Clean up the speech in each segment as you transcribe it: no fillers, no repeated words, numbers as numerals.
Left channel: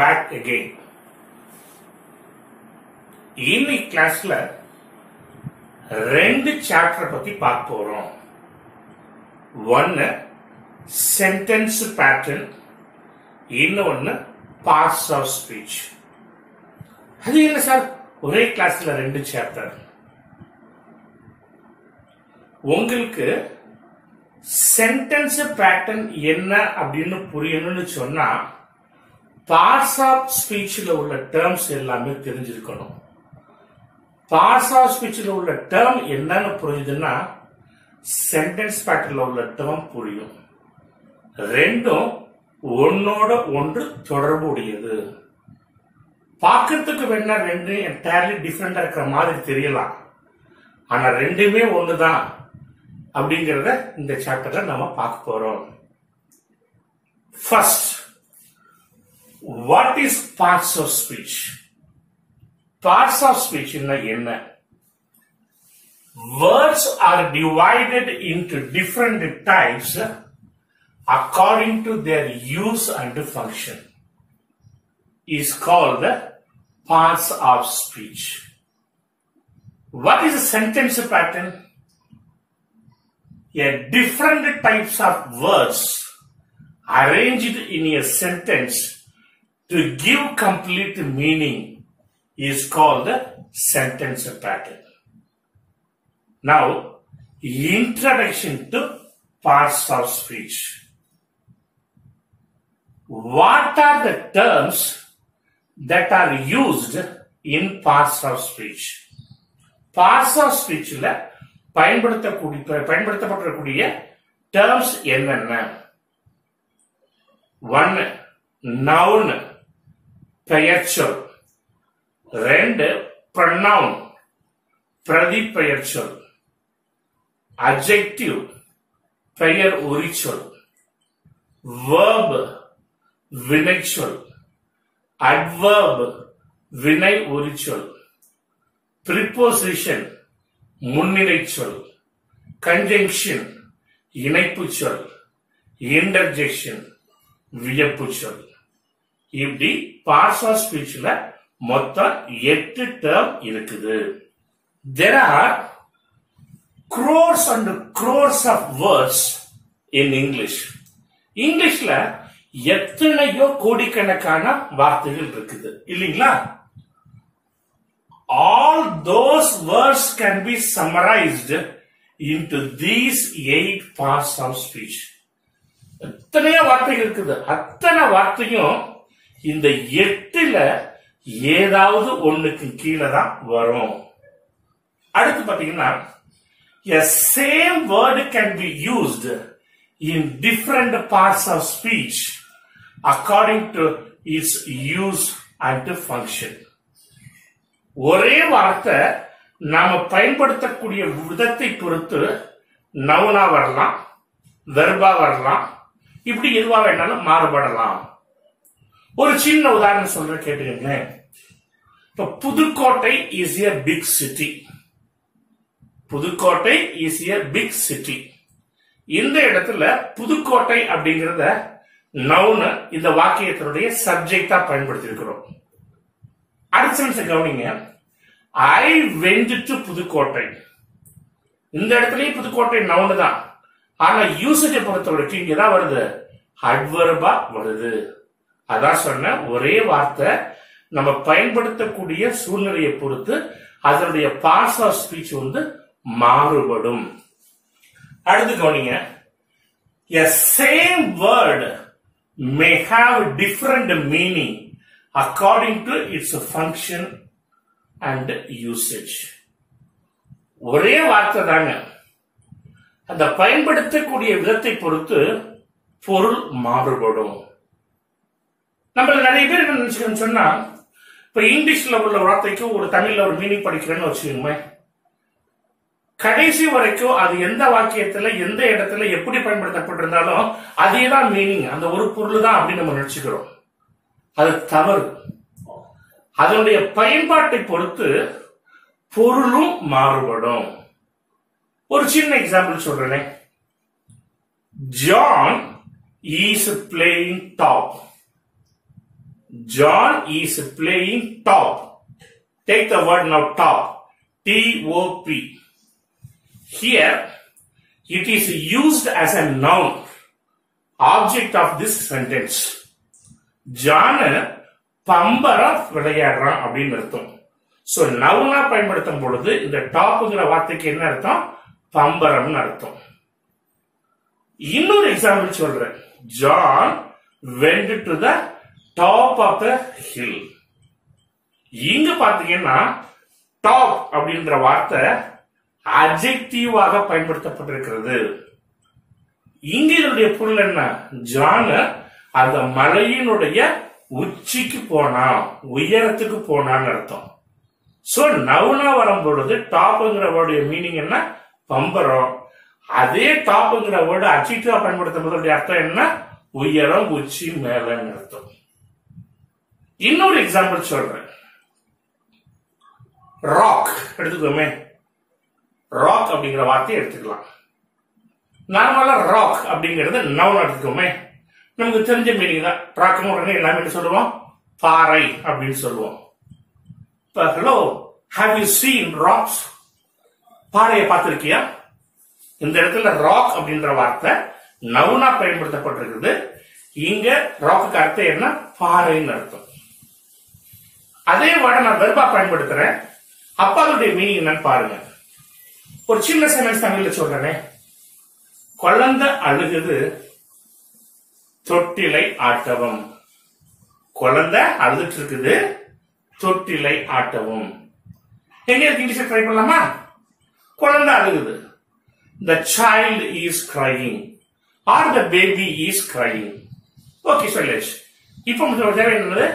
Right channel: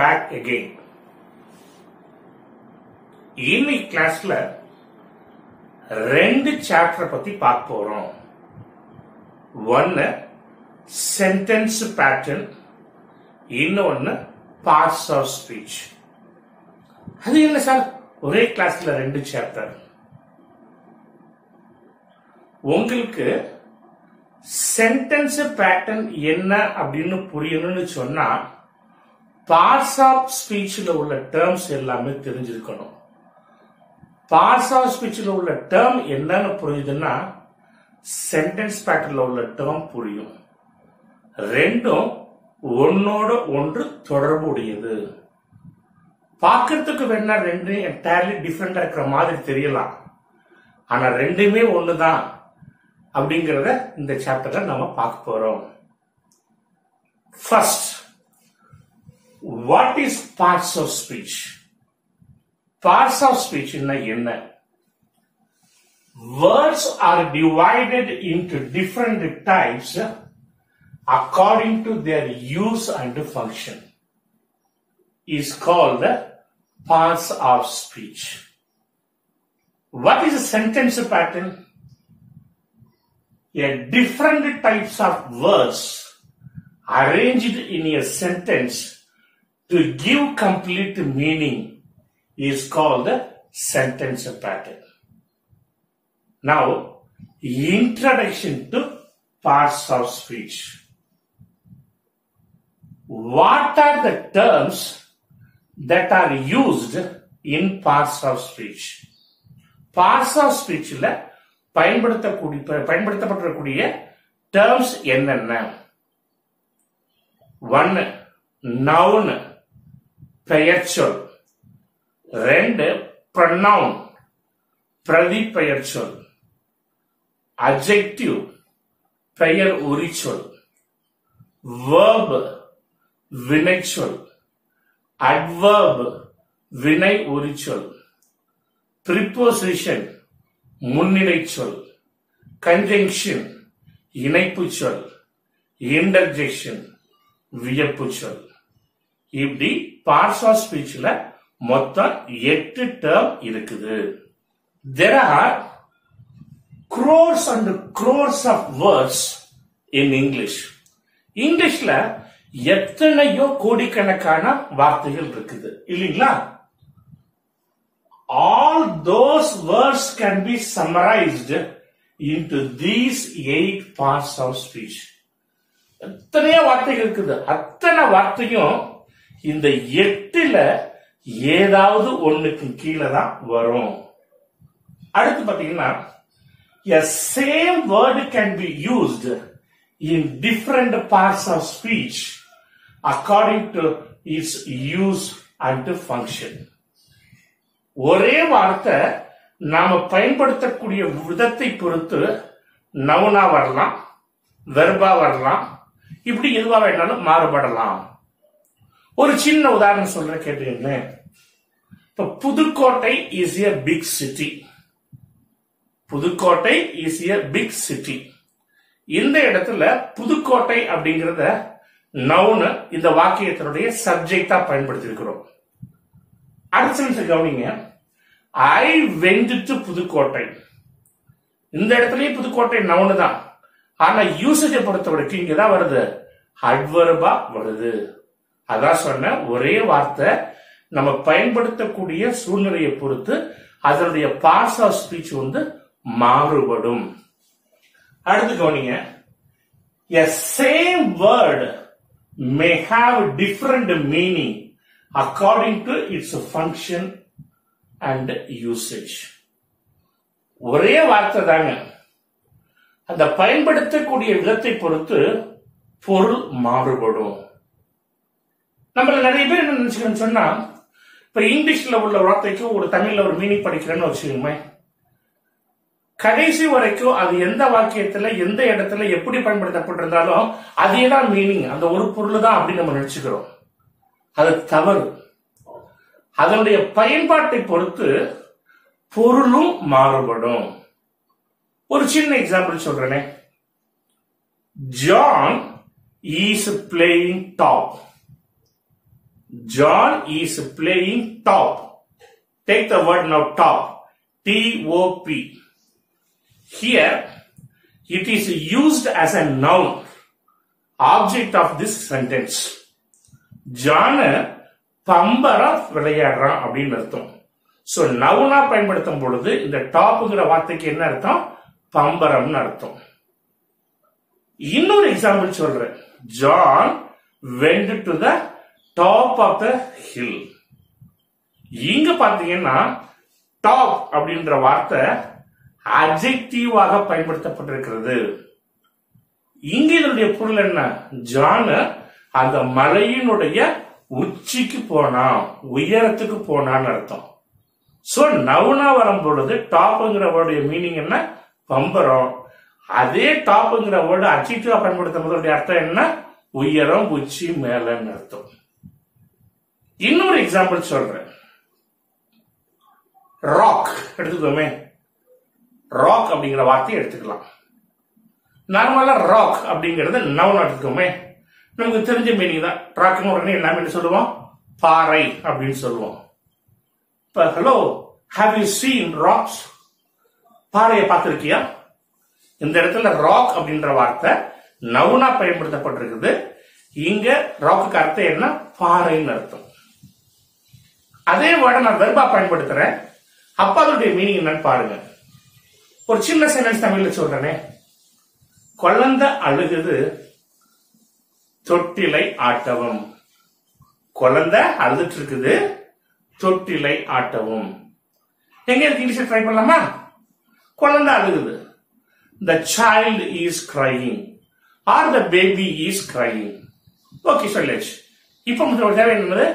back again. இன்னைக்கு கிளாஸ்ல ரெண்டு சாப்டர் பத்தி பார்க்க போறோம். ஒன்னு சென்டென்ஸ் பேட்டர்ன், இன்னொன்னு பார்ட்ஸ் ஆஃப் ஸ்பீச். அது என்ன சார் ஒரே கிளாஸ்ல ரெண்டு சாப்டர்? உங்களுக்கு சென்டென்ஸ் பேட்டர்ன் என்ன அப்படின்னு புரியணும்னு சொன்னா பார்ட்ஸ் ஆஃப் ஸ்பீச்ல உள்ள டேர்ம்ஸ் எல்லாமே தெரிஞ்சிருக்கணும். பார்ட்ஸ் ஆஃப் ஸ்பீச்ல உள்ள டேர்ம் என்னன்னு புரியுதுன்னா சென்டென்ஸ் பேட்டர்ன்ல உள்ள டேர்ம் புரியும். ரெண்டும் ஒன்னோட ஒன்று தொடர்புடையது. பார்க்கறதுக்கு வேணா ரெண்டு என்டையர்லி டிஃபரெண்டா இருக்கிற மாதிரி தெரியலாம், ஆனா ரெண்டுமே ஒண்ணுதான் அப்படிங்கறத இந்த சாப்டர்ல நாம பார்க்க போறோம். First, what is parts of speech? Parts of speech என்ன? Words are divided into different types according to their use and function. Is called parts of speech. What is a sentence pattern? A different types of words arranged in a sentence to give complete meaning is called sentence pattern. Now, introduction to parts of speech. What are the terms that are used in parts of speech? Parts of speech la பயன்படுத்தப்படக்கூடிய terms என்னென்ன? 1 noun பெயர்ச்சொல், 2 pronoun பிரதிபெயர்ச்சொல், adjective பெயர் உரிச்சொல், verb வினைச்சொல், adverb வினை உரிச்சொல், preposition முன்னிலை சொல், conjunction இணைப்பு சொல், interjection வியப்பு சொல். இப்படி பார்ட்ஸ் ஆஃப் ஸ்பீச்ல மொத்தம் 8 டேர்ம் இருக்குது. There are crores and crores of words in English. இங்கிலீஷ்ல எத்தனையோ கோடிக்கணக்கான வார்த்தைகள் இருக்குது இல்லீங்களா? All those words can be summarized into these 8 parts of speech. எத்தனையோ வார்த்தைகள் இருக்குது. அத்தனை வார்த்தையும் இந்த 8ல ஏதாவது ஒண்ணுக்கு கீழே தான் வரும். அடுத்து பாத்தீங்கன்னா a same word can be used in different parts of speech according to its use and function. ஒரே வார்த்தை நாம பயன்படுத்தக்கூடிய விதத்தை பொறுத்து நவுனா வரலாம், வெர்பா வரலாம், இப்படி எதுவா வேணாலும் மாறுபடலாம். ஒரு சின்ன உதாரணம் சொல்ற கேட்டுக்கங்க. இப்ப Pudukkottai is a big city. Pudukkottai is a big city. இந்த இடத்துல புதுக்கோட்டை அப்படிங்கறத நவுன் இந்த வாக்கியத்தினுடைய சப்ஜெக்டா பயன்படுத்தி இருக்கிறோம். அடுத்த நிமிஷம் கவனிங்க. I went to Pudukkottai. இந்த இடத்துலயே புதுக்கோட்டை நவுன் தான், ஆனா யூசேஜை பொறுத்த வரைக்கும் இங்கதான் வருது, அட்வர்பா வருது. அதான் சொன்ன ஒரே வார்த்தை நம்ம பயன்படுத்தக்கூடிய சூழ்நிலையை பொறுத்து அதனுடைய பார்ட்ஸ் ஆஃப் ஸ்பீச் மாறுபடும். அடுத்து கவனிங்க. A same word may have different meaning according to its function and usage. ஒரே வார்த்தை தாங்க, அந்த பயன்படுத்தக்கூடிய விதத்தை பொறுத்து பொருள் மாறுபடும். நம்ம நிறைய பேர் என்ன நினைச்சுக்கணும் சொன்னா, இப்ப இங்கிலீஷ்ல உள்ள வார்த்தைக்கு ஒரு தமிழ்ல ஒரு மீனிங் படிக்கிறேன்னு வச்சுக்கோங்க, கடைசி வரைக்கும் அது எந்த வாக்கியத்துல எந்த இடத்துல எப்படி பயன்படுத்தப்பட்டிருந்தாலும் அதேதான் மீனிங், அந்த ஒரு பொருள் தான் அப்படின்னு நம்ம நினைச்சுக்கிறோம். அது தவறு. அதனுடைய பயன்பாட்டை பொறுத்து பொருளும் மாறுபடும். ஒரு சின்ன எக்ஸாம்பிள் சொல்றேனே. John is playing top. John is playing top. Take the word now, top. T-O-P. Here, it is used as a noun, object of this sentence. John பம்பரம் விளையாடுறான் அப்படின்னு அர்த்தம். சோ நவுனா பயன்படுத்தும் பொழுது இந்த டாப்ங்கிற வார்த்தைக்கு என்ன அர்த்தம்? பம்பரம்னு அர்த்தம். இன்னொரு எக்ஸாம்பிள் சொல்றேன். John went to the top of the hill. இங்க பாத்தீங்கன்னா டாப் அப்படின்ற வார்த்தை அட்ஜெக்டிவாக பயன்படுத்தப்பட்டிருக்கிறது. இங்க இதனுடைய பொருள் என்ன? ஜான் அந்த மலையினுடைய உச்சிக்கு போனான், உயரத்துக்கு போனான்னு அர்த்தம். சோ நவுனா வரும் பொழுது டாப்ங்கிற வேர்டுடைய மீனிங் என்ன? பம்பரம். அதே டாப்ங்கிற வேர்டு அட்ஜெக்டிவா பயன்படுத்தும் போது அர்த்தம் என்ன? உயரம், உச்சி, மேலன்னு அர்த்தம். இன்னொரு எக்ஸாம்பிள் சொல்றேன். ராக் எடுத்துக்கோமே. ராக் அப்படிங்கிற வார்த்தையை எடுத்துக்கலாம். நார்மலா ராக் அப்படிங்கிறது நவுன் எடுத்துக்கோமே. நமக்கு தெரிஞ்ச மீனிங் தான். ராக்னு உடனே எல்லாமே என்ன சொல்லுவோம்? பாறை அப்படின்னு சொல்லுவோம். இப்ப hello, have you seen rocks? பாறையை பார்த்திருக்கியா? இந்த இடத்துல ராக் அப்படின்ற வார்த்தை நவுனா பயன்படுத்தப்பட்டிருக்குது. இங்க ராக்கு அர்த்தம் என்ன? பாறைன்னு அர்த்தம். அதே வேர்டை நான் வெர்பா பயன்படுத்துறேன். அப்ப அதோடைய மீனிங் என்னன்னு பாருங்க. ஒரு சின்ன சென்டென்ஸ் தமிழ்ல சொல்றேனே. குழந்தை அழுகுது, தொட்டிலை ஆட்டவும். குழந்தை அழுதுட்டு இருக்குது, தொட்டிலை ஆட்டவும். எங்க இருக்கு? இங்கிலீஷ் ட்ரை பண்ணலாமா? குழந்தை அழுகுது. The child is crying or the baby is crying. Okay சொல்லேஷ். இப்ப தேவை என்னது?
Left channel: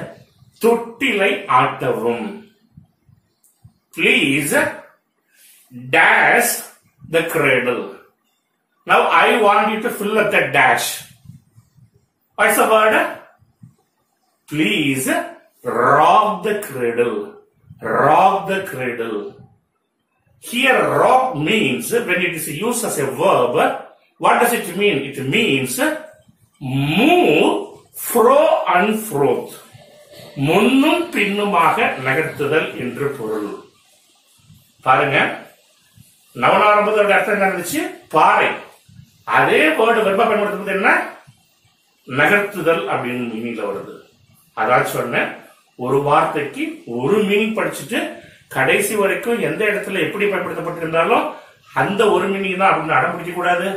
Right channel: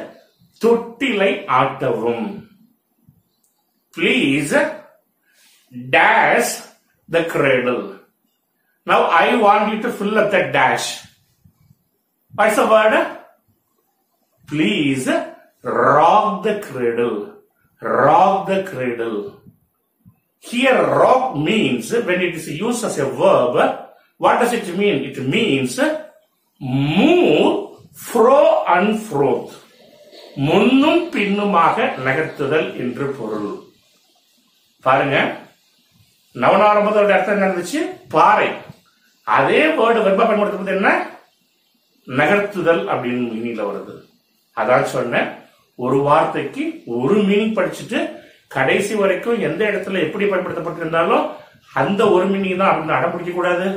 தொட்டிலை ஆட்டவும். Please dash the cradle. Now I want you to fill up the dash. What's the word? Please rock the cradle. Rock the cradle. Here rock means, when it is used as a verb, what does it mean? It means move fro and fro. முன்னும் பின்னுமாக நகர்த்துதல் என்று பொருள். பாருங்க, நவனாரம்பதோட அர்த்தம் என்ன இருந்துச்சு? பாறை. அதே வேர்டு வெர்பா பயன்படுத்துறது என்ன? நகர்த்துதல் அப்படின்னு மீனிங்ல வருது. அதான் சொன்னேன், ஒரு வார்த்தைக்கு ஒரு மீனிங் படிச்சுட்டு கடைசி வரைக்கும் எந்த இடத்துல எப்படி பயன்படுத்தப்பட்டிருந்தாலும் அந்த ஒரு மீனிங் தான் அப்படின்னு அடம்பிடிக்க கூடாது.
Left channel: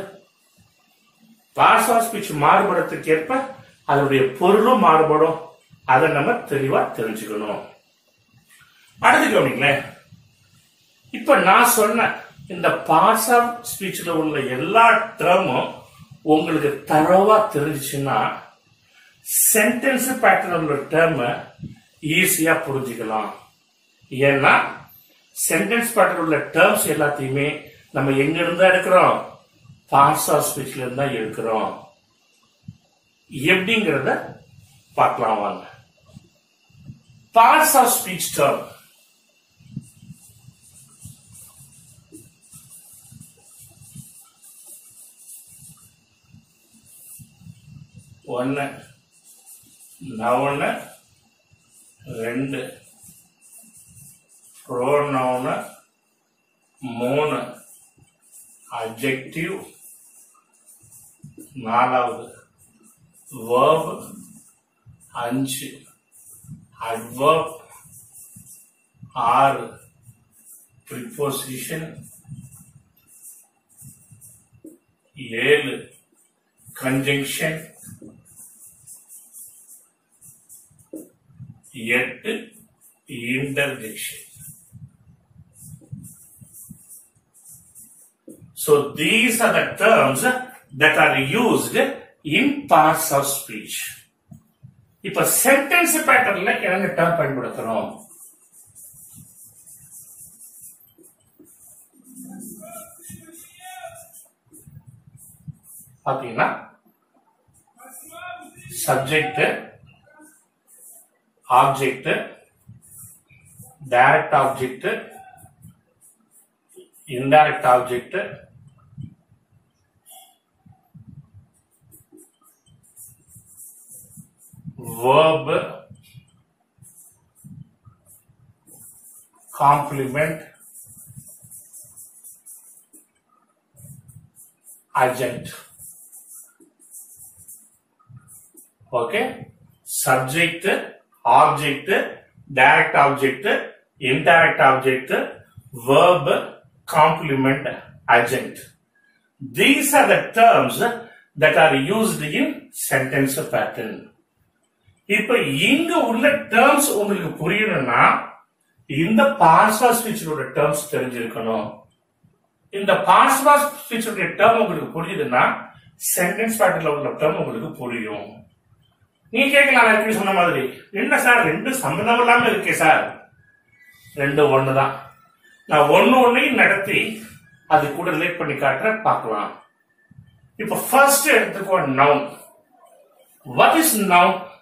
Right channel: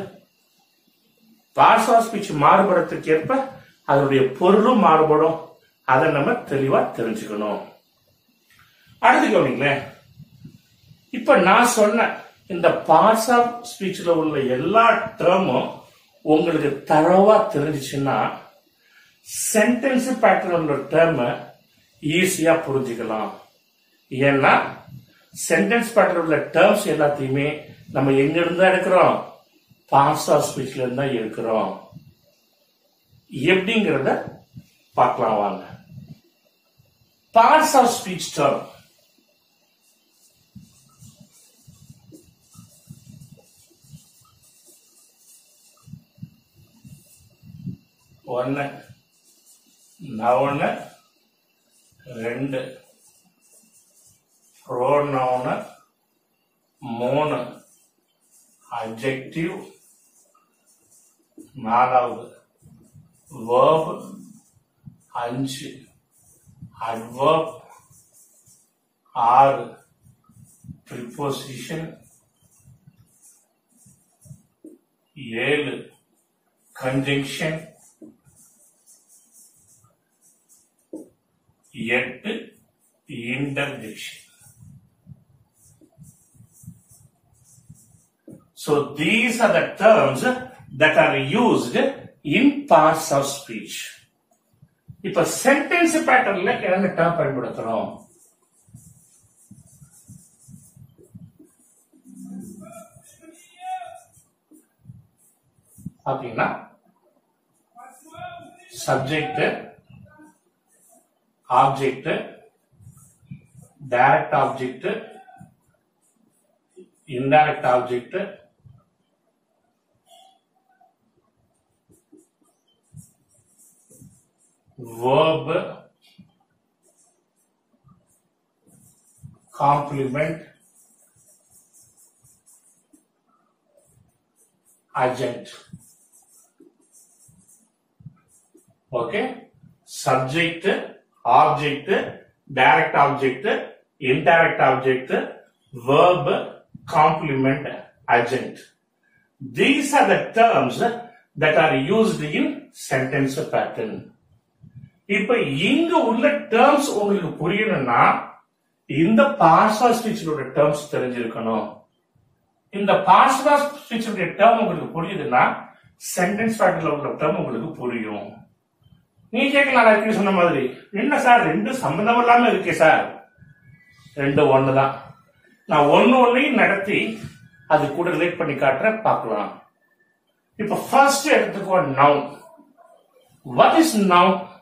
பார்ட்ஸ் ஆஃப் ஸ்பீச் மாறுபடத்துக்கு ஏற்ப அதனுடைய பொருளும் மாறுபடும். அதை நம்ம தெளிவா தெரிஞ்சுக்கணும். அடுத்து கவனிங்களேன். இப்ப நான் சொன்ன இந்த பார்ட்ஸ் ஆஃப் ஸ்பீச்ல உள்ள எல்லா டேர்மும் உங்களுக்கு தரவா தெரிஞ்சிச்சுன்னா சென்டென்ஸ் பேட்டர்ன் உள்ள டேர்ம் ஈஸியா புரிஞ்சுக்கலாம். ஏன்னா சென்டென்ஸ் பேட்டர்ன் உள்ள டேர்ம்ஸ் எல்லாத்தையுமே நம்ம எங்க இருந்தா எடுக்கிறோம்? பார்ட்ஸ் ஆஃப் ஸ்பீச்ல இருந்தா எடுக்கிறோம். எப்படிங்கிறத பார்க்கலாம் வாங்க. Parts of speech term. ஒன்னு நவுனு, ரெண்டு ப்ரோனவுனு, மூணு அட்ஜெக்டிவ், நாலாவது verb, அஞ்சு adverb, ஆறு preposition, ஏழு conjunction, எட்டு interjection. So these are the terms that are used in parts of speech. இப்ப சென்டென்ஸ் பேட்டர்ன்ல என்ன டேர்ம் பயன்படுத்துறோம்? அப்படின்னா subject, object, direct object, indirect object, verb, complement adjunct. Okay, subject, object, direct object, indirect object, verb, complement adjunct. These are the terms that are used in sentence pattern. இப்ப இங்க உள்ள terms உங்களுக்கு புரியணும்னா இந்த past ஸ்பீச்சோட terms தெரிஞ்சிருக்கணும். இந்த past ஸ்பீச்சோட term உங்களுக்கு புரியுதுன்னா sentence பேட்டர்ன்ல உள்ள டேர்ம் உங்களுக்கு புரியும். நீங்க கேட்கலாம் எப்படி சொன்ன மாதிரி, என்ன சார் ரெண்டு சம்பந்தம் இல்லாம இருக்கே சார்? ரெண்டு ஒண்ணுதான். நான் ஒன்னையும் நடத்தி அது கூட ரிலேட் பண்ணி காட்டுறேன், பார்க்கலாம். இப்ப ஃபர்ஸ்ட் எடுத்துக்கோ noun. What is noun?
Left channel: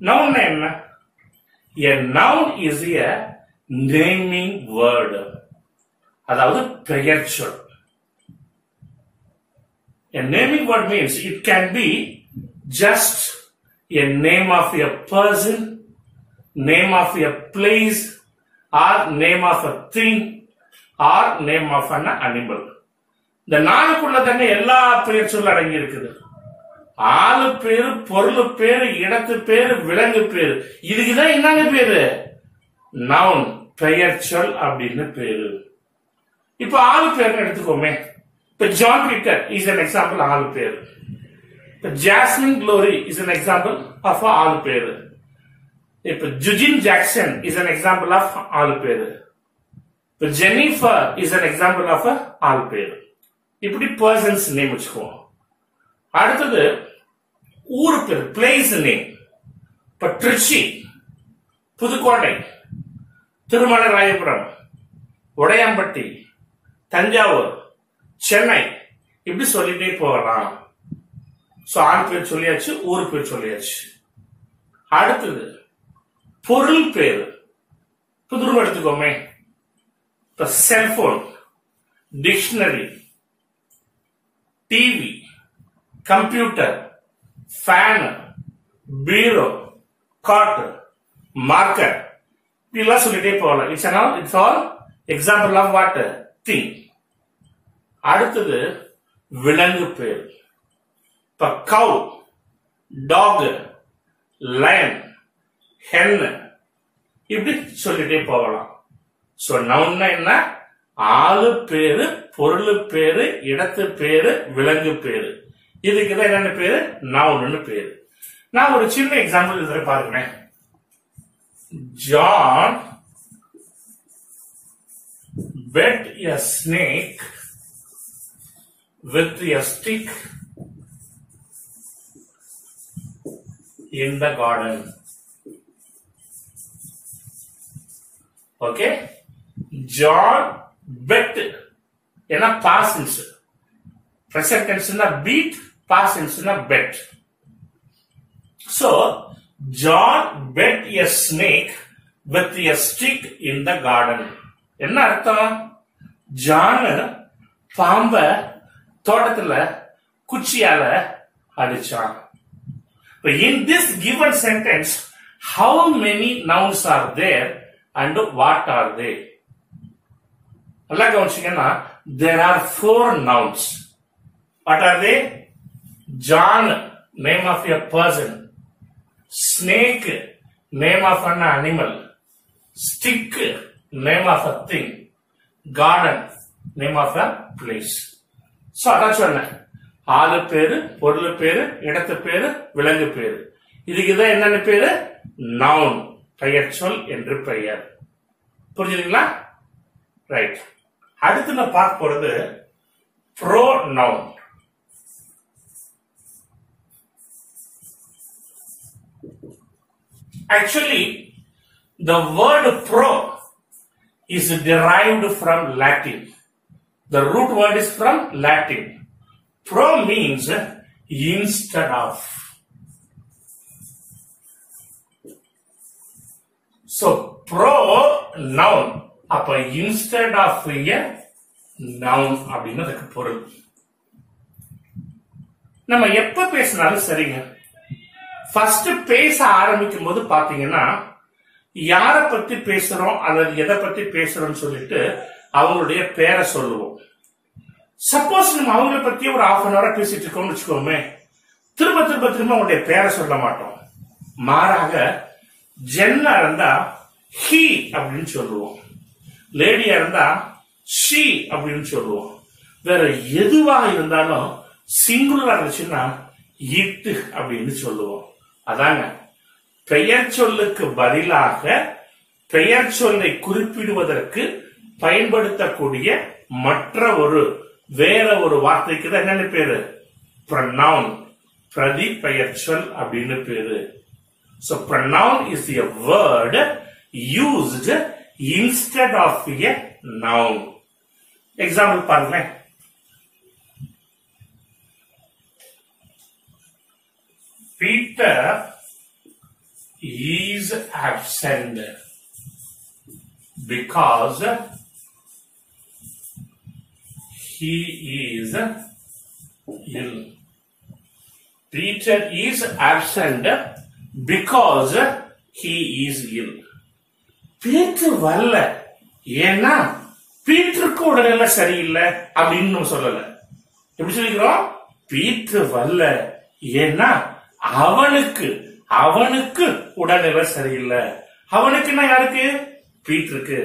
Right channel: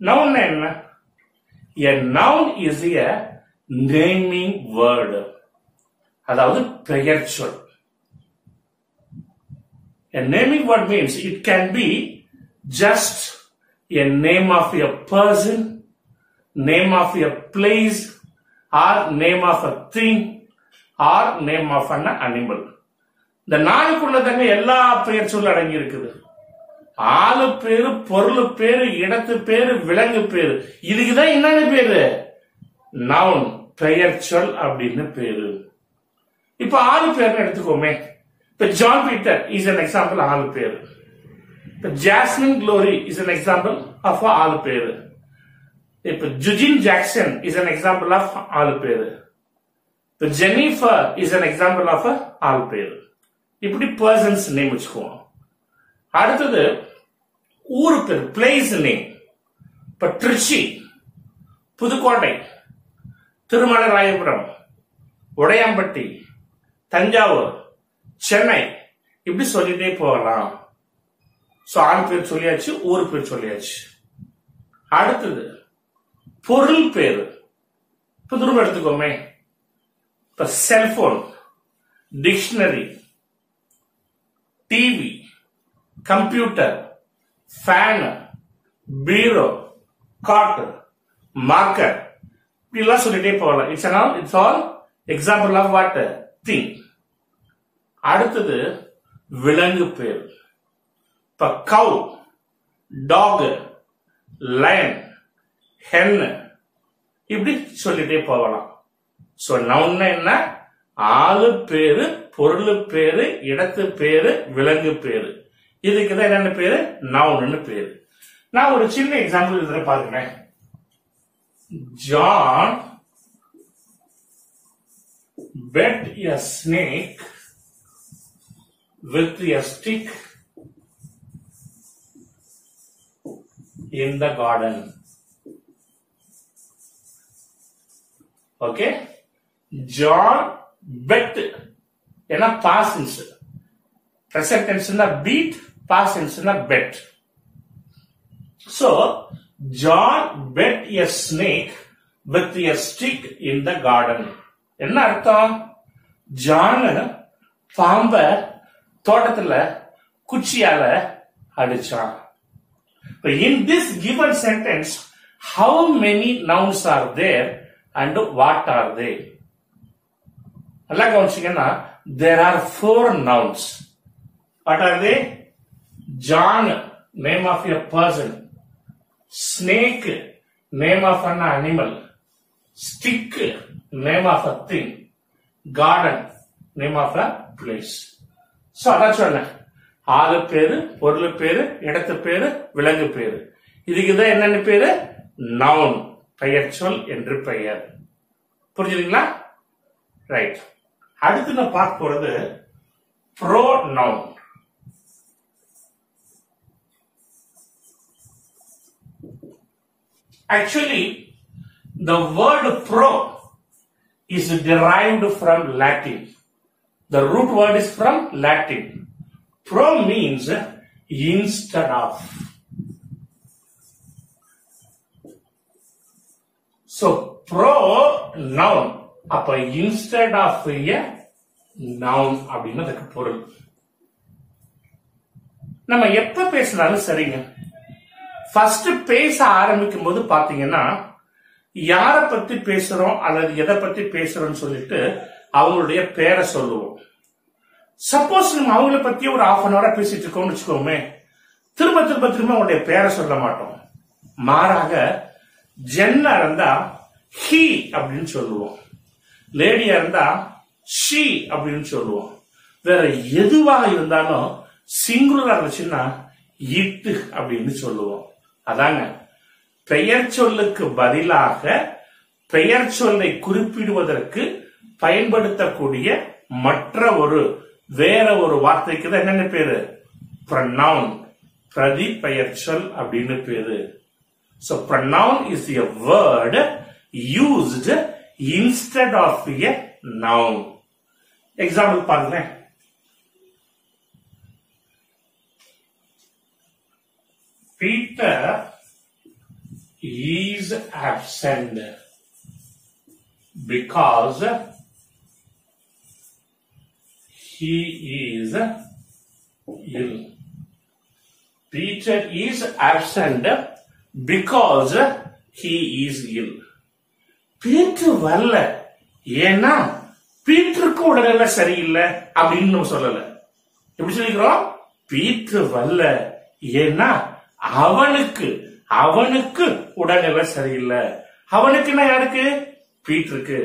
Noun என்ன? A noun is a naming word. அதாவது பெயர் சொல். A naming word means it can be just a name of a person, name of a place, or name of a thing, or name of an animal. இந்த நாளுக்குள்ள தாங்க எல்லா பெயர் சொல் அடங்கி இருக்குது. ஆளு பேரு, பொருள் பேரு, இடத்து பேரு, விலங்கு பேரு, இதுக்குதான் என்னன்னு பேரு? நவுன், பெயர் சொல் அப்படின்னு பேரு. இப்ப ஆளு பேர் எடுத்துக்கோமே. இப்ப John Peter is an example ஆளு பேரு. இப்ப Jasmine Glory is an example of ஆளு பேரு. இப்ப Jujin Jackson is an example of ஆளு பேரு. இப்ப Jennifer is an example of ஆளு பேரு. இப்படி பர்சன்ஸ் நேம் வச்சுக்குவோம். அடுத்தது ஊரு பேர், பிளேஸ் நேம். இப்ப திருச்சி, புதுக்கோட்டை, திருமலராயபுரம், உடையாம்பட்டி, தஞ்சாவூர், சென்னை, இப்படி சொல்லிட்டே போகலாம். ஆள் பேர் சொல்லியாச்சு, ஊரு பேர் சொல்லியாச்சு. அடுத்தது பொருள் பேரு. புதுரும் எடுத்துக்கோமே. இப்ப cellphone, dictionary, TV, computer, fan, bureau, cot, marker, இப்படிலாம் சொல்லிட்டே போகலாம். It's all example of what? Thing. அடுத்தது விலங்கு பேர். இப்ப கவ், டாக், லயன், ஹென், இப்படி சொல்லிட்டே போகலாம். சோ நவுன்னா என்ன? ஆளு பேரு, பொருள் பேரு, இடத்து பேரு, விலங்கு பேரு. இதுக்குதான் என்னென்ன பேரு? நவுன்னு பேரு. நான் ஒரு சின்ன எக்ஸாம்பிள் இதுல பாருங்க. John bet a snake with a stick in the garden. Okay, John bet என்ன past tense, present tense na beat, past tense na bet. So John bet a snake with a stick in the garden. என்ன அர்த்தம்? John பாம்ப தோட்டத்துல குச்சியால அடிச்சான். In this given sentence, how many nouns are there and what are they? நல்லா கவனிச்சீங்கன்னா there are 4 nouns. What are they? John, name of a person. Snake, name of an animal. Stick, name of a thing. Garden, name of a place. So அதான் சொன்னேன். ஆளு பேரு, பொருள் பேரு, இடத்து பேரு, விலங்கு பேரு. இதுக்குதான் என்னென்ன பேரு? நவுன், பெயர் சொல் என்று பெயர். புரிஞ்சுதுங்களா? ரைட். அடுத்து நான் பார்க்க போறது ப்ரோநவுன். Actually, the word pro is derived from Latin. The root word is from Latin. Pro means instead of. So pronoun, அப்ப instead of a noun அப்படின்னு அதுக்கு பொருள். நம்ம எப்ப பேசினாலும் சரிங்க, ஃபர்ஸ்ட் பேச ஆரம்பிக்கும் போது பாத்தீங்கன்னா யார பத்தி பேசுறோம் அல்லது எதை பத்தி பேசுறோம்னு சொல்லிட்டு அவங்களுடைய பேரை சொல்லுவோம். சப்போஸ் நம்ம அவங்கள பத்தி ஒரு half an hour பேசிட்டு இருக்கோம்னு வச்சுக்கோமே, திரும்ப திரும்ப திரும்ப அவங்களுடைய பேரை சொல்ல மாட்டோம். மாறாக ஜென்னா இருந்தா ஹி அப்படின்னு சொல்லுவோம், லேடியா இருந்தா ஷி அப்படின்னு சொல்லுவோம். வேற எதுவா இருந்தாலும் சிங்குலரா இருந்துச்சுன்னா இட்டு அப்படின்னு சொல்லுவோம். அதாங்க பெயர் சொல்லுக்கு பதிலாக பெயர் சொல்லை குறிப்பிடுவதற்கு பயன்படுத்தக்கூடிய மற்ற வேற ஒரு வார்த்தைக்கு தான் என்னென்ன பேரு? pronoun, பிரதி பெயர் சொல் அப்படின்னு பேரு. So pronoun is a word used instead of a noun. Example பாருங்க. Peter is absent because he is ill. Peter is absent because he is ill. Peter வரல ஏன்னா பீட்டருக்கு உடல்நிலை சரியில்லை அப்படின்னு நம்ம சொல்லல. எப்படி சொல்லிக்கிறோம்? பீட்டர் வரல ஏன்னா அவனுக்கு உடல்நிலை சரியில்லை. அவனுக்குன்னா யாருக்கு? பீட்டருக்கு.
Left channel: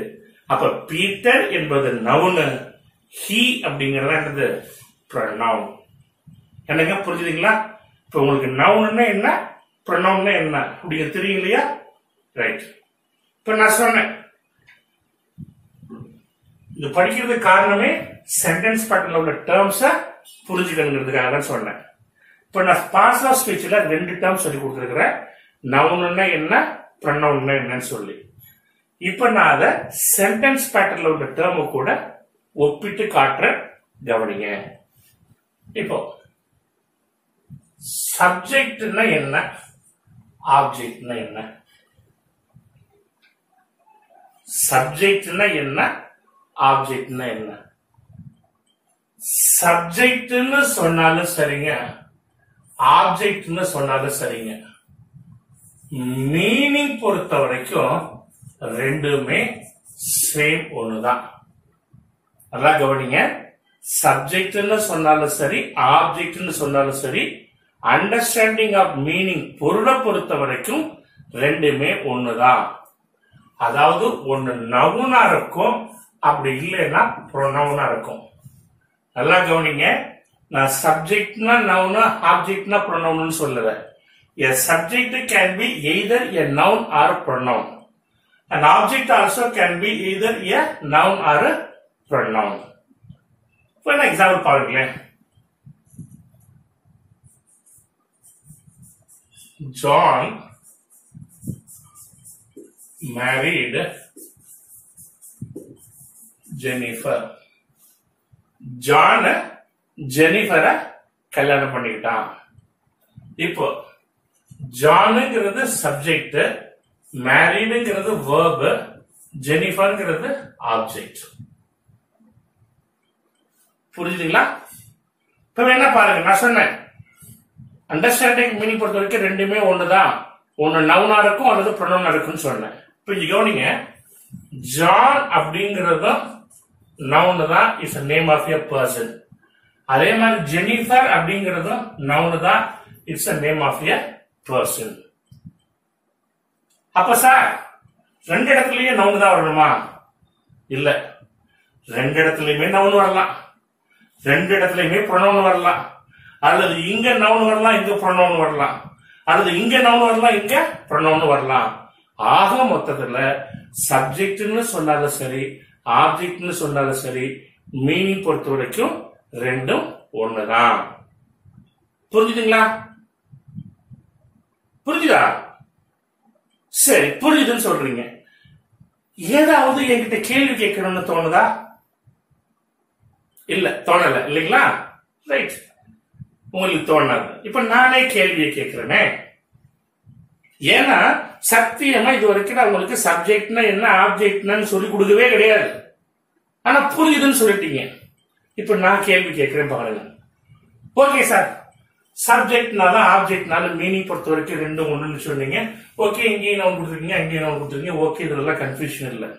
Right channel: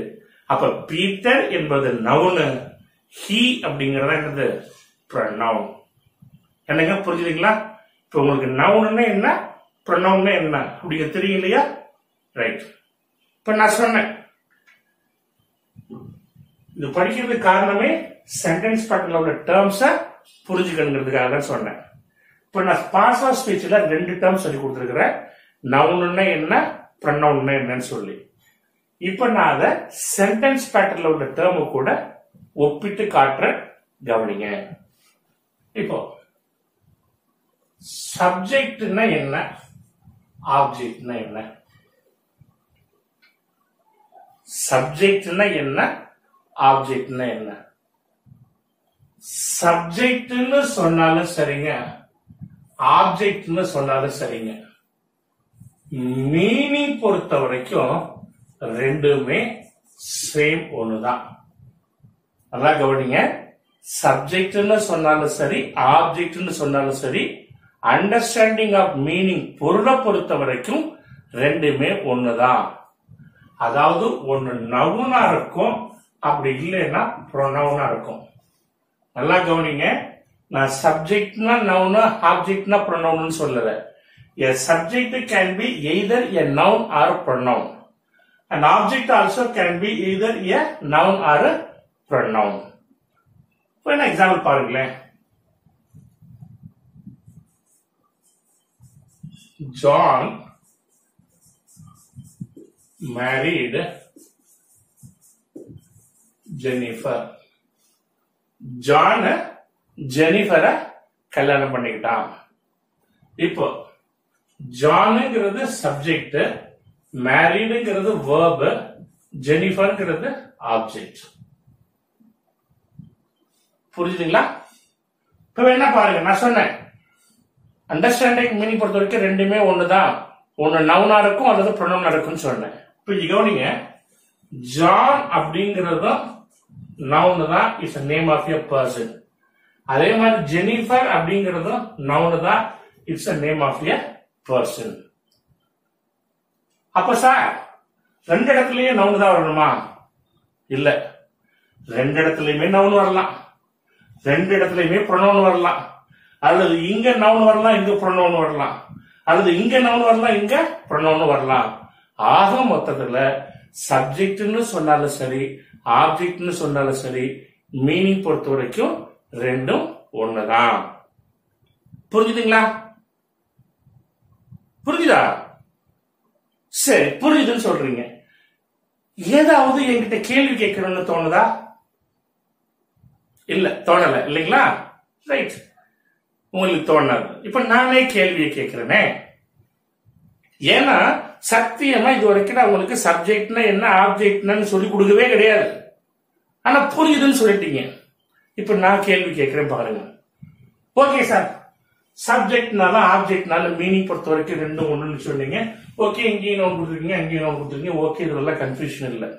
அப்ப பீட்டர் என்பது நவுனு, ஹி அப்படிங்கறத என்னது? ப்ரொனவுன். என்னங்க புரிஞ்சுதுங்களா? இப்ப உங்களுக்கு நவுன்னா என்ன, ப்ரொனவுன்னா என்ன அப்படிங்கிறது தெரியும் இல்லையா? ரைட். இப்ப நான் சொன்னேன் இது படிக்கிறதுக்கு காரணமே சென்டென்ஸ் பேட்டர்ன்ல உள்ள டேர்ம்ஸ புரிஞ்சுக்கணுங்கிறதுக்காக சொன்னேன். இப்ப நான் பார்ட்ஸ் ஆஃப் ஸ்பீச்ல 2 டேர்ம்ஸ் சொல்லி கொடுத்துருக்கிறேன், நவுன்னா என்ன, ப்ரொனவுன்னா என்னன்னு சொல்லி. இப்ப நான் அதை சென்டென்ஸ் பேட்டர்ன்ல உள்ள டேர்மு கூட ஒப்பிட்டு காட்டுறேன், கவனிங்க. இப்போ சப்ஜெக்ட்னா என்ன, ஆப்ஜெக்ட்னா என்ன? சப்ஜெக்ட்னா என்ன, ஆப்ஜெக்ட்னா என்ன? சப்ஜெக்ட்னு சொன்னாலும் சரிங்க, ஆப்ஜெக்ட்னு சொன்னாலும் சரிங்க, மீனிங் பொறுத்த வரைக்கும் ரெண்டுமே சேம் ஒண்ணுதான். நல்லா கவனிங்க. சப்ஜெக்ட்னு சொன்னாலும் சரி, ஆப்ஜெக்ட்னு சொன்னாலும் சரி, அண்டர்ஸ்டாண்டிங் ஆஃப் மீனிங் பொருளை பொறுத்த வரைக்கும் ரெண்டுமே ஒண்ணுதான். அதாவது ஒன்னு நவுனா இருக்கும், அப்படி இல்லைன்னா ப்ரொனவுனா இருக்கும். நல்லா கவனிங்க. நான் சப்ஜெக்ட்னா நவுனு, ஆப்ஜெக்ட்னா ப்ரொனவுன் சொல்லல. A subject can be either a noun or a pronoun. An object also can be either a noun or a pronoun. For an example பாருங்களேன். John married Jennifer. John ஜெனிஃபரை கல்யாணம் பண்ணிக்கிட்டான். இப்போ ஜானுங்கிறது சப்ஜெக்ட், மேரிடுங்கிறது வேர்ப், ஜெனிஃபர்ங்கிறது ஆப்ஜெக்ட். புரிஞ்சுதுங்களா? இப்ப என்ன பாருங்க, நான் சொன்னேன் understanding meaning பொறுத்த வரைக்கும் ரெண்டுமே ஒண்ணுதான், ஒன்னு நவுனா இருக்கும் அல்லது ப்ரொனவுனா இருக்கும்னு சொன்னேன். இப்ப கவனிங்க, ஜான் அப்படிங்கறதும் நவுன் தான், is name of a person. அதே மாதிரி ஜெனிஃபர் அப்படிங்கறதும் நவுன் தான், it's a name of a person. அப்ப சார் 2 இடத்துலயே நவுன் தான் வரணுமா? இல்ல, 2 இடத்துலயுமே நவுன் வரலாம், 2 இடத்துலயுமே ப்ரொனவுன் வரலாம், அல்லது இங்க நவுன் வரலாம், இங்க ப்ரொனவுன் வரலாம், அல்லது இங்க நவுன் வரலாம், இங்க ப்ரொனவுன் வரலாம். ஆக மொத்தத்துல சப்ஜெக்ட்னு சொன்னாலும் சரி, ஆப்ஜெக்ட்னு சொன்னாலும் சரி, மீனிங் பொறுத்த வரைக்கும் ரெண்டும் ஒண்ணுதான். புரிஞ்சுதுங்களா? புரிஞ்சுதா? சரி, புரியுதுன்னு சொல்றீங்க. ஏதாவது என்கிட்ட கேள்வி கேட்கணும்னு தோணுதா? இல்ல, தோணல இல்லைங்களா? ரைட், உங்களுக்கு தோணாது. இப்ப நானே கேள்வியை கேட்கிறேனே, ஏன்னா சத்தியமா இது வரைக்கும் நான் உங்களுக்கு சப்ஜெக்ட்னா என்ன, ஆப்ஜெக்ட்னு சொல்லி கொடுக்கவே கிடையாது. ஆனா புரியுதுன்னு சொல்லிட்டீங்க. இப்ப நான் கேள்வி கேட்கிறேன் பாருங்க. ஓகே சார், சப்ஜெக்ட்னால ஆப்ஜெக்ட்னால மீனிங் பொறுத்த வரைக்கும் ரெண்டும் ஒண்ணுன்னு சொன்னீங்க, ஓகே இங்கேயும் நவுன் கொடுத்துருக்கீங்க, அங்கேயும் நவுன் கொடுத்துருக்கீங்க. ஓகே, இதெல்லாம் கன்ஃபியூஷன் இல்லை.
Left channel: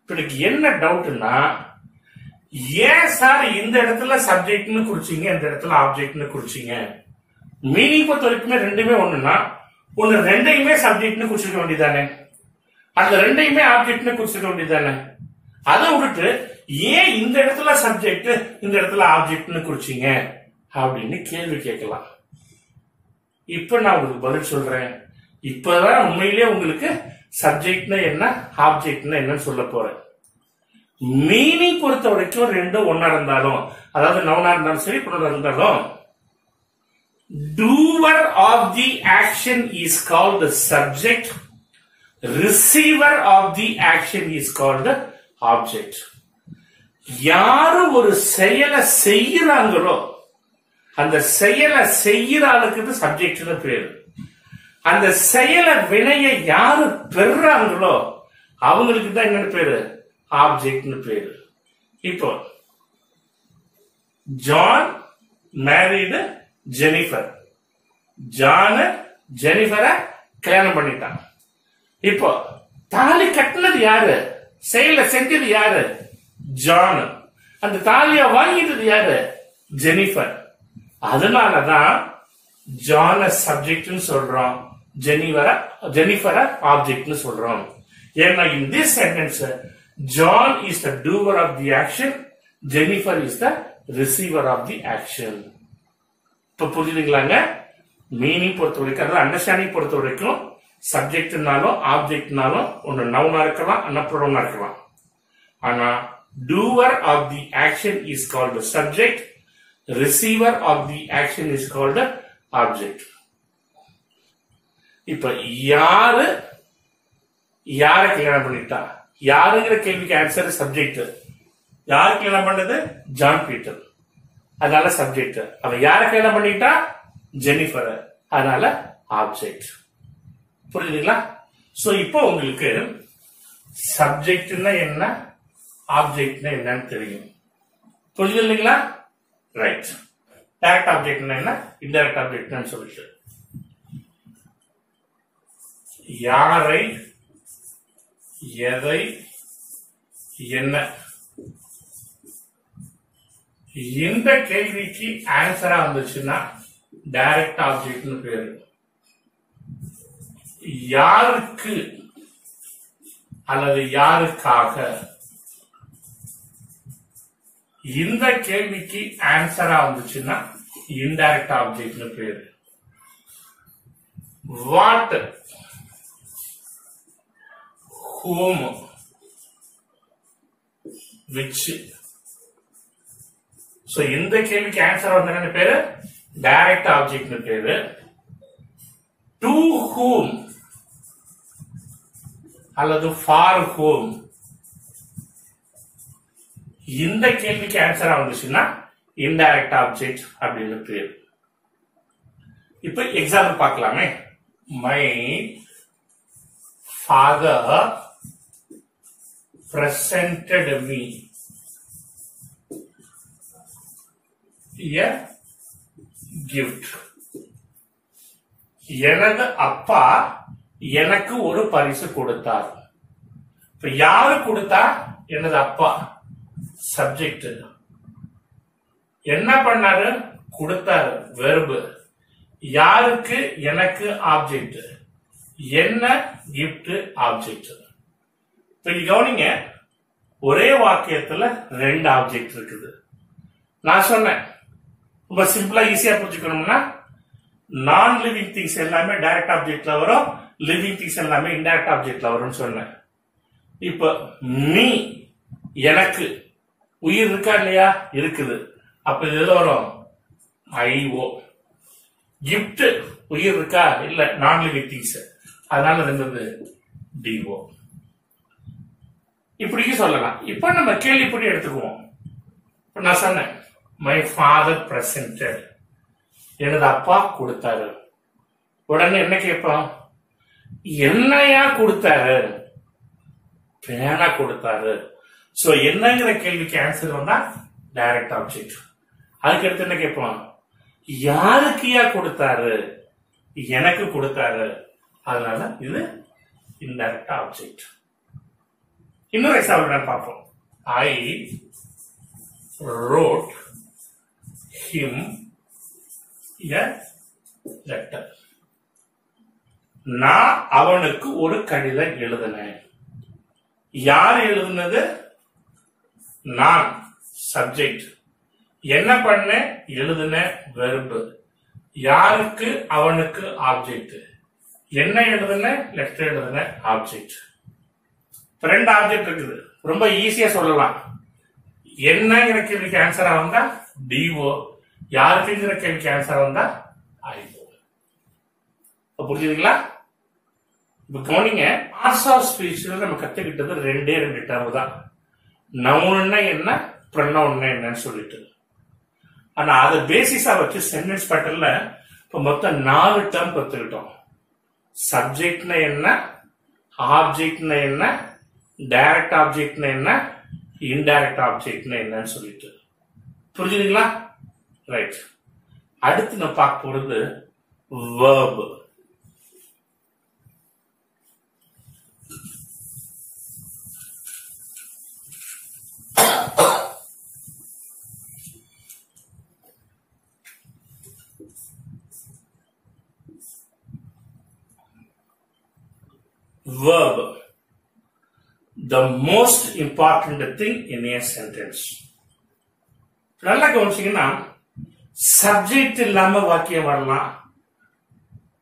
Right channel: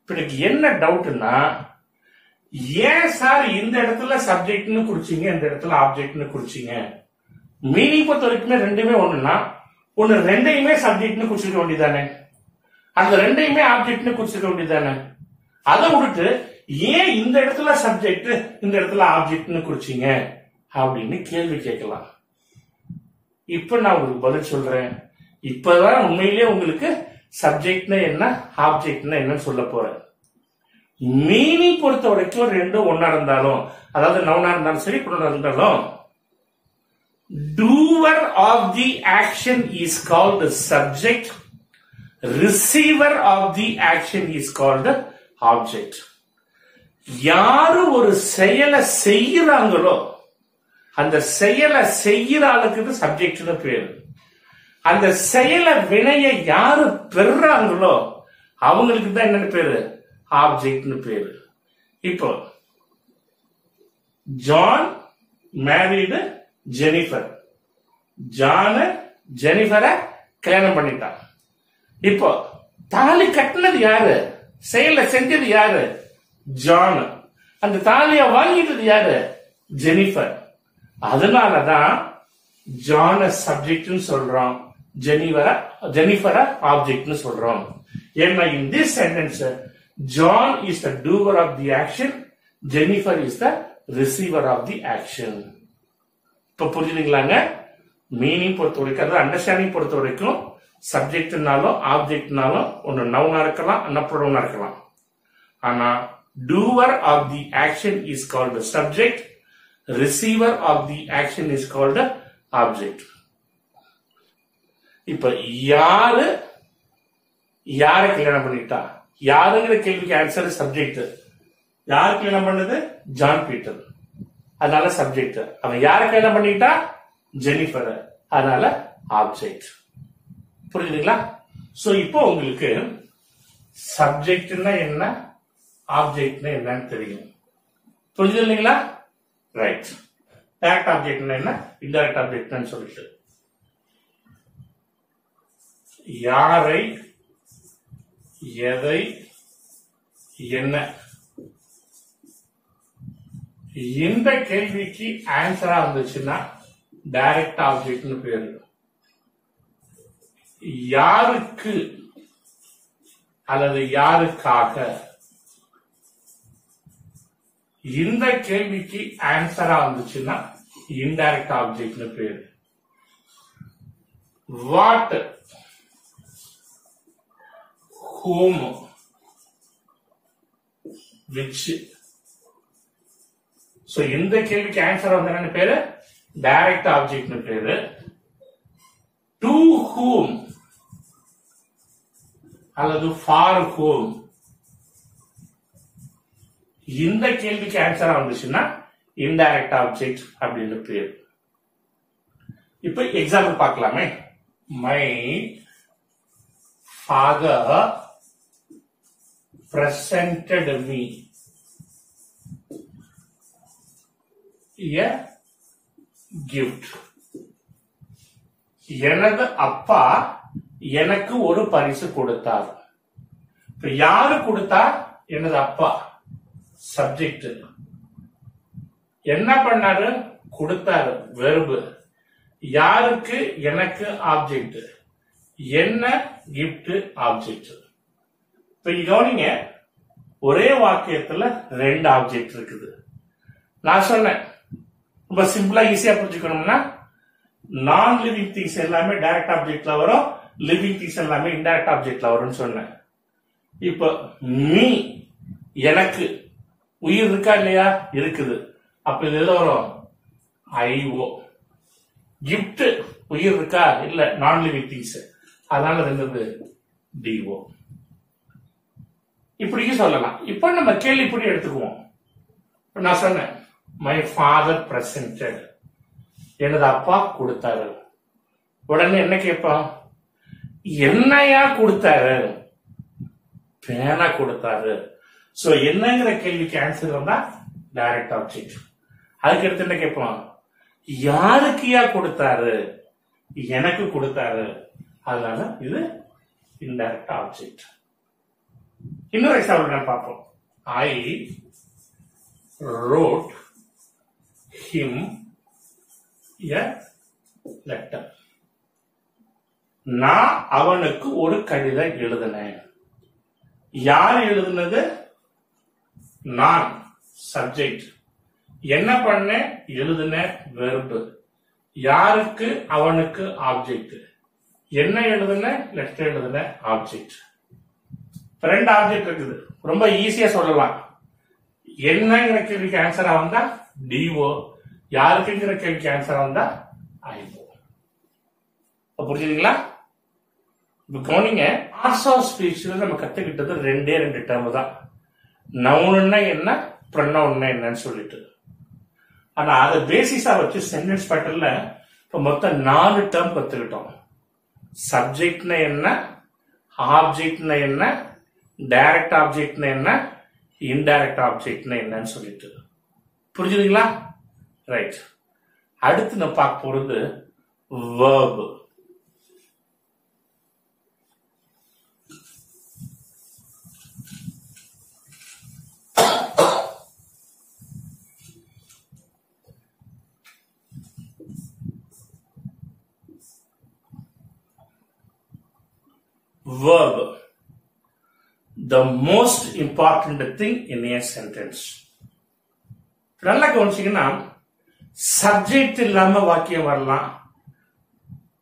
இப்ப எனக்கு என்ன டவுட்னா, ஏன் சார் இந்த இடத்துல சப்ஜெக்ட்னு குறிச்சீங்க, இந்த இடத்துல ஆப்ஜெக்ட்னு குறிச்சீங்க? மீனிங் பொறுத்த வரைக்குமே ரெண்டுமே ஒண்ணுன்னா, ஒன்னு ரெண்டையுமே சப்ஜெக்ட்னு குறிச்சிருக்க வேண்டியதானே, அந்த ரெண்டையுமே ஆப்ஜெக்ட்னு குறிச்சிருக்க வேண்டியதானே. அதை விட்டுட்டு ஏன் இந்த இடத்துல சப்ஜெக்ட் இந்த இடத்துல ஆப்ஜெக்ட்னு குறிச்சீங்க அப்படின்னு கேள்வி கேட்கலாம். இப்ப நான் உங்களுக்கு பதில் சொல்றேன். இப்பதான் உண்மையிலேயே உங்களுக்கு சப்ஜெக்ட்னா என்ன, ஆப்ஜெக்ட்னா என்னன்னு சொல்ல போறேன். மீனிங் பொறுத்த வரைக்கும் ரெண்டும் ஒன்னா இருந்தாலும், அதாவது நவுனா இருந்தாலும் சரி, ப்ரொனவுனா இருந்தாலும், doer of the action is called the subject, receiver of the action is called the object. யாரு ஒரு செயலை செய்யறாங்களோ அந்த செயலை செய்யற ஆளுக்கு சப்ஜெக்ட்னு பேரு. அந்த செயலை வினையை யாரு பெறாங்களோ அவங்களுக்கு தான் என்னன்னு பேரு, ஆப்ஜெக்ட்னு பேரு. இப்போ ஜான் மேரிடு ஜெனிஃபர். ஜான் ஜெனிஃபரை கல்யாணம் பண்ணிட்டான். இப்போ தாலி கட்டினது யாரு, செயலை செஞ்சது யாரு, ஜான். அந்த தாலிய வாங்கிட்டது யாரு, ஜெனிஃபர். அதனாலதான் ஜான சப்ஜெக்ட்னு சொல்றோம், ஜெனிஃபரை ஆப்ஜெக்ட்னு சொல்றோம். ஏன்னா in this sentence John is the doer of the action, Jennifer is the receiver of the action. இப்ப புரியுதுங்களாங்க? மீனிங் பொறுத்த வரைக்கும், அதாவது அண்டர்ஸ்டாண்டிங் பொறுத்த வரைக்கும், சப்ஜெக்ட்னாலும் ஆப்ஜெக்ட்னாலும் ஒன்னு நவுனா இருக்கலாம், ப்ரொனவுனா இருக்கலாம். ஆனா doer of the action is called the subject, receiver of the action is called the object. இப்ப யாரு யாரை கல்யாணம் பண்ணிட்டா, யாருங்கிற கேள்விக்கு ஆன்சர் சப்ஜெக்ட். யாரு கல்யாணம் பண்ணது, ஜான் பீட்டர், அதனால சப்ஜெக்ட். அவன் யாரை கல்யாணம் பண்ணிட்டா, ஜெனிஃபர், அதனால ஆப்ஜெக்ட். புரியுதுங்களா? சோ இப்போ உங்களுக்கு சப்ஜெக்ட்னா என்ன, ஆப்ஜெக்ட்னா என்னன்னு தெரியும். புரியுது இல்லைங்களா? ரைட். டைரக்ட் ஆப்ஜெக்ட்னா என்ன, இன்டைரக்ட் ஆப்ஜெக்ட்னு சொல்லிட்டு, யாரை, எதை, என்ன, இந்த கேள்விக்கு ஆன்சரா வந்துச்சுன்னா டைரக்ட் ஆப்ஜெக்ட்னு பேரு. யாருக்கு அல்லது யாருக்காக, இந்த கேள்விக்கு ஆன்சரா வந்துச்சுன்னா இன்டைரக்ட் ஆப்ஜெக்ட்னு பேரு. What, whom, which. சோ இந்த கேள்விக்கு ஆன்சர் வந்து என்ன பேரு, டைரக்ட் ஆப்ஜெக்ட்னு பேரு. டு whom அல்லது ஃபார் whom, இந்த கேள்விக்கு ஆன்சரா வந்துச்சுன்னா இன்டைரக்ட் ஆப்ஜெக்ட் அப்படின்னு பேரு. இப்ப எக்ஸாம்பிள் பார்க்கலாமே. My father presented me a gift. எனது அப்பா எனக்கு ஒரு பரிசு கொடுத்தார். இப்ப யாரு கொடுத்தா, எனது அப்பா, சப்ஜெக்ட். என்ன பண்ணாரு, கொடுத்தாரு, வெர்பு. யாருக்கு, எனக்கு, ஆப்ஜெக்ட். என்ன, கிஃப்ட், ஆப்ஜெக்ட். இப்ப கவனிங்க, ஒரே வாக்கியத்துல ரெண்டு ஆப்ஜெக்ட் இருக்குது. நான் சொன்னேன், ரொம்ப சிம்பிளா ஈஸியா புரிஞ்சுக்கணும்னா, நான் லிவிங் திங்ஸ் எல்லாமே டைரக்ட் ஆப்ஜெக்ட்ல வரும், லிவிங் திங்ஸ் எல்லாமே இன்டைரக்ட் ஆப்ஜெக்ட்ல வரும்னு சொன்னேன். இப்ப மீ, எனக்கு, உயிர் இருக்கா இல்லையா, இருக்குது. அப்ப இது எது வரும், ஐஓ. கிஃப்ட், உயிர் இருக்கா இல்ல, நான் லிவிங் திங்ஸ், அதனால இருந்தது டிஓ. இப்படியும் சொல்லலாம். இப்ப நம்ம கேள்விப்படி எடுத்துக்குவோம். நான் சொன்னேன், மை ஃபாதர் பிரசன்டட், எனது அப்பா கொடுத்தாரு. உடனே என்ன கேட்போம், என்னையா கொடுத்தாரு, பேனா கொடுத்தாரு. சோ என்னங்கிற கேள்விக்கு ஆன்சர் வந்தா டைரக்ட் ஆப்ஜெக்ட். அதுக்கு அடுத்து என்ன கேட்போம், யாருக்குயா கொடுத்தாரு, எனக்கு கொடுத்தாரு. அதனால இது இன்டைரக்ட் ஆப்ஜெக்ட். இன்னொரு எக்ஸாம்பிள் பார்ப்போம். ஐ wrote him a letter. நான் அவனுக்கு ஒரு கடிதம் எழுதினேன். யார் எழுதுனது? நான், சப்ஜெக்ட். என்ன பண்ண? எழுதின, வெர்பு. யாருக்கு? அவனுக்கு, ஆப்ஜெக்ட். என்ன எழுதுன? லெட்டர் எழுதுன, ஆப்ஜெக்ட். ரெண்டு ஆப்ஜெக்ட் இருக்குது. ரொம்ப ஈஸியா சொல்லலாம். என்னங்கிற கேள்விக்கு ஆன்சரா வந்தா டிஓ, யாருக்குங்கிற கேள்விக்கு ஆன்சரா வந்தா ஐஓ. புரிஞ்சுதுங்களா? இப்ப கவனிங்க, பார்ட்ஸ் ஆஃப் ஸ்பீச்ல நம்ம கத்துக்கிட்டது ரெண்டே டேர்ம் தான். நவுன்னா என்ன, ப்ரொனவுன்னா என்னன்னு சொல்லிட்டு. ஆனா அதை பேசிஸா வச்சு சென்டென்ஸ் பேட்டர்ன்ல இப்ப மொத்தம் 4 டேர்ம் கத்துக்கிட்டோம். சப்ஜெக்ட்னா என்ன, ஆப்ஜெக்ட்னா என்ன, டைரக்ட் ஆப்ஜெக்ட்னா என்ன, இன்டைரக்ட் ஆப்ஜெக்ட்னா என்னன்னு சொல்லிட்டு. புரிஞ்சுதுங்களா? ரைட். அடுத்து நம்ம பார்க்க போறது verb. Verb, the most important thing in a sentence. நல்லா கவனிச்சீங்கன்னா, சப்ஜெக்ட் இல்லாம வாக்கியம் வரலாம்.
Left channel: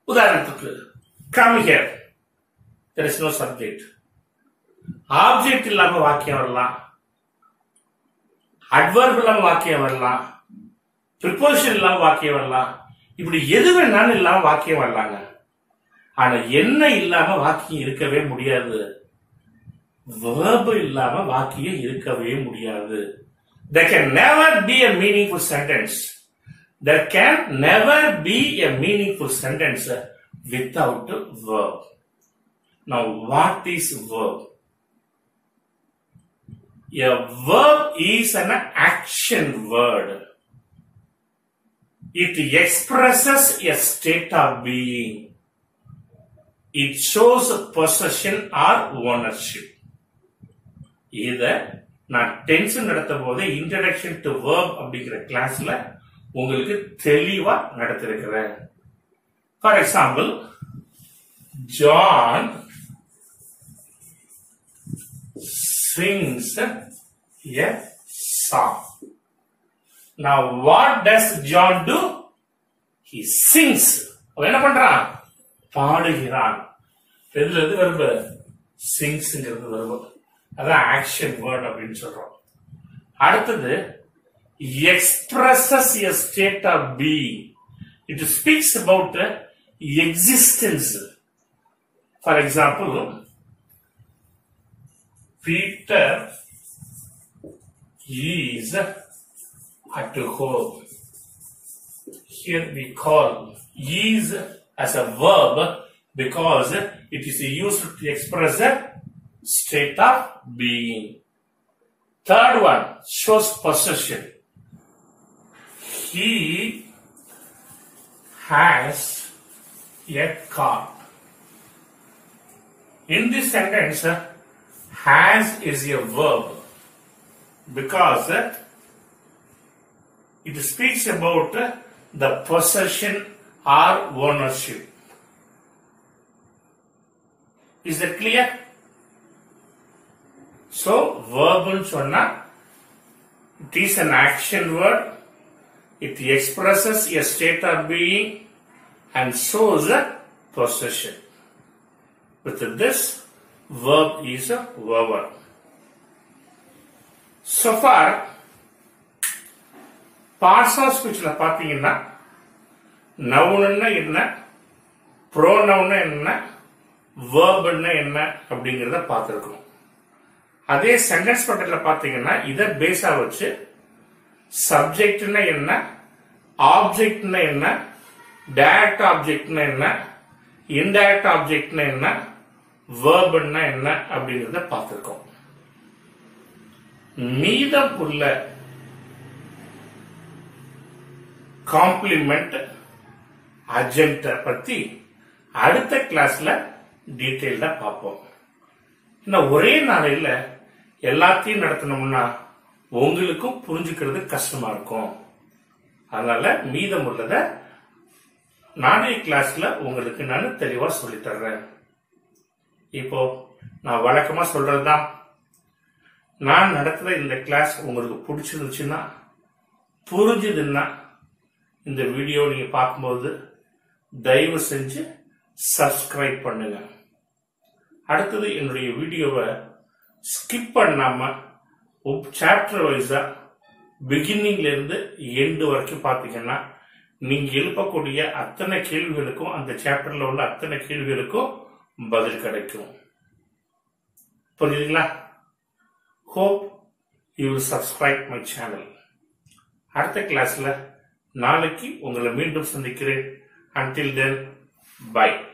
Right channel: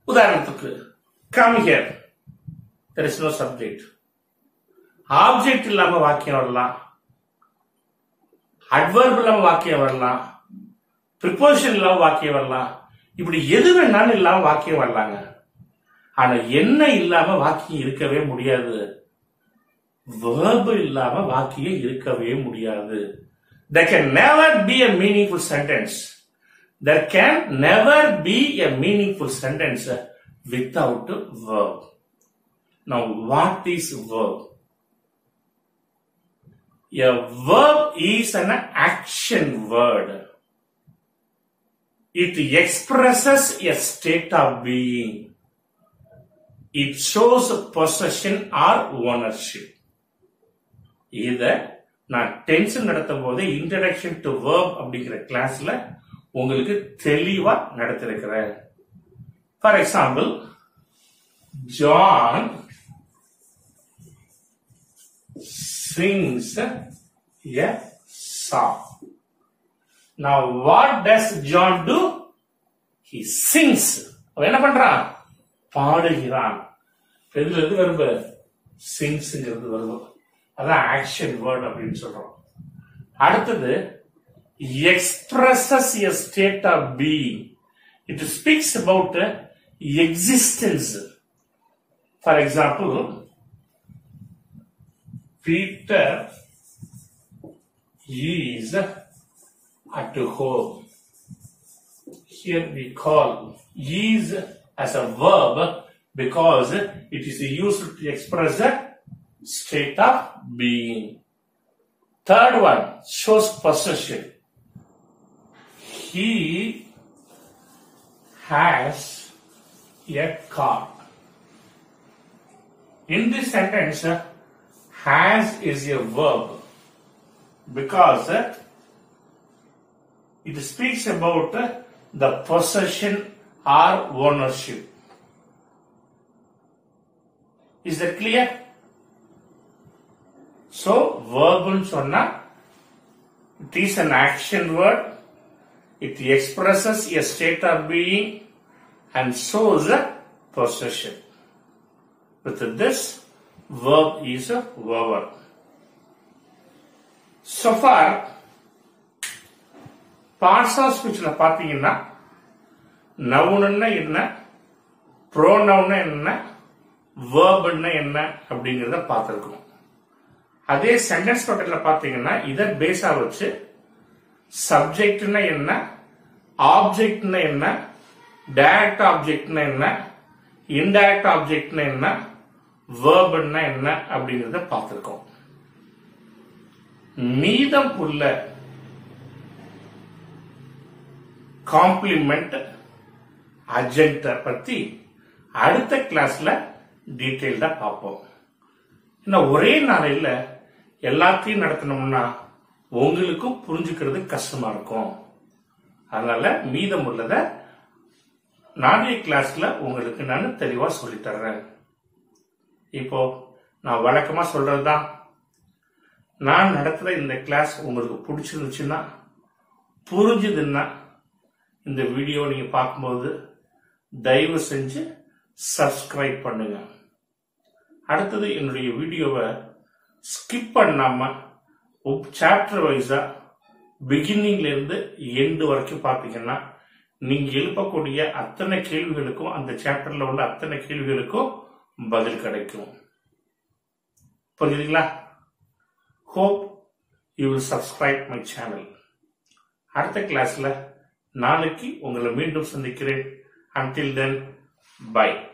உதாரணத்துக்கு come here, there is no subject. Object இல்லாம வாக்கியம் வரலாம், அட்வர்ப் இல்லாம வாக்கியம் வரலாம், ப்ரிபோசிஷன் இல்லாம வாக்கியம் வரலாம். இப்படி எது வேணாலும் இல்லாம வாக்கியம் வரலாங்க. ஆனா என்ன இல்லாம வாக்கியம் இருக்கவே முடியாது? verb இல்லாம வாக்கியம் இருக்கவே முடியாது. There can never be a meaningful sentence. There can never be a meaningful sentence without verb. Now, what is verb? A verb is an action word. It expresses a state of being. It shows possession or ownership. இத நான் tension நடத்தும் போது introduction to verb அப்படிங்கிற கிளாஸ்ல உங்களுக்கு தெளிவா நடத்திருக்கிறேன். For example, John sings a song. Now what does John do? He sings. அவன் என்ன பண்றான்? பாடுகிறான். எதுல இருந்து வருது? சிங்ஸ்ங்கிறது வருது. அதான் ஆக்ஷன் வேர்ட் அப்படின்னு சொல்றோம். அடுத்தது, expresses a state of being. It speaks about existence. For example, Peter is at home. Here we call is as a verb because it is used to express a state of being. Third one shows possession. He has a car. In this sentence, has is a verb because it speaks about the possession or ownership. Is that clear? So, verb சொன்னா, it is an action word. It expresses a state of being and shows a possession. With this, verb is a verb. So far, parts of speech la பாத்தீங்கன்னா, noun என்ன, pronoun என்ன, verb என்ன அப்படிங்கறத பார்த்திருக்கோம். அதே sentence பேட்டர்ன்ல பாத்தீங்கன்னா, இத பேஸா வச்சு சப்ஜெக்ட்னா என்ன, ஆப்ஜெக்ட்னா என்ன, டைரக்ட் ஆப்ஜெக்ட்னா என்ன, இன்டைரக்ட் ஆப்ஜெக்ட்னா என்ன, வெர்ப்னா என்ன அப்படிங்கறத பார்த்திருக்கோம். மீதம் உள்ள காம்ப்ளிமெண்ட், அட்ஜெக்ட் பத்தி அடுத்த கிளாஸ்ல டீட்டெயில்டா பார்ப்போம். இன்னும் ஒரே நாளையில எல்லாத்தையும் நடத்தணும்னா உங்களுக்கும் புரிஞ்சுக்கிறது கஷ்டமா இருக்கும். அதனால மீதம் உள்ளத நாளைய கிளாஸ்ல உங்களுக்கு நான் தெளிவா சொல்லி தர்றேன். இப்போ நான் வழக்கமா சொல்றதுதான், நான் நடத்துற இந்த கிளாஸ் உங்களுக்கு பிடிச்சிருந்துச்சுன்னா, புரிஞ்சுதுன்னா இந்த வீடியோ நீங்க பார்க்கும்போது தயவு செஞ்சு சப்ஸ்கிரைப் பண்ணுங்க. அடுத்தது என்னுடைய வீடியோவை ஸ்கிப் பண்ணாம சாப்டர் வைஸா பிகினிங்ல இருந்து எண்டு வரைக்கும் பாத்தீங்கன்னா நீங்க எழுப்பக்கூடிய அத்தனை கேள்விகளுக்கும் அந்த சாப்டர்ல உள்ள அத்தனை கேள்விகளுக்கும் பதில் கிடைக்கும். புரியுதுங்களா? Hope you will subscribe my channel. அடுத்த கிளாஸ்ல நாளைக்கு உங்களை மீண்டும் சந்திக்கிறேன். Until then, bye.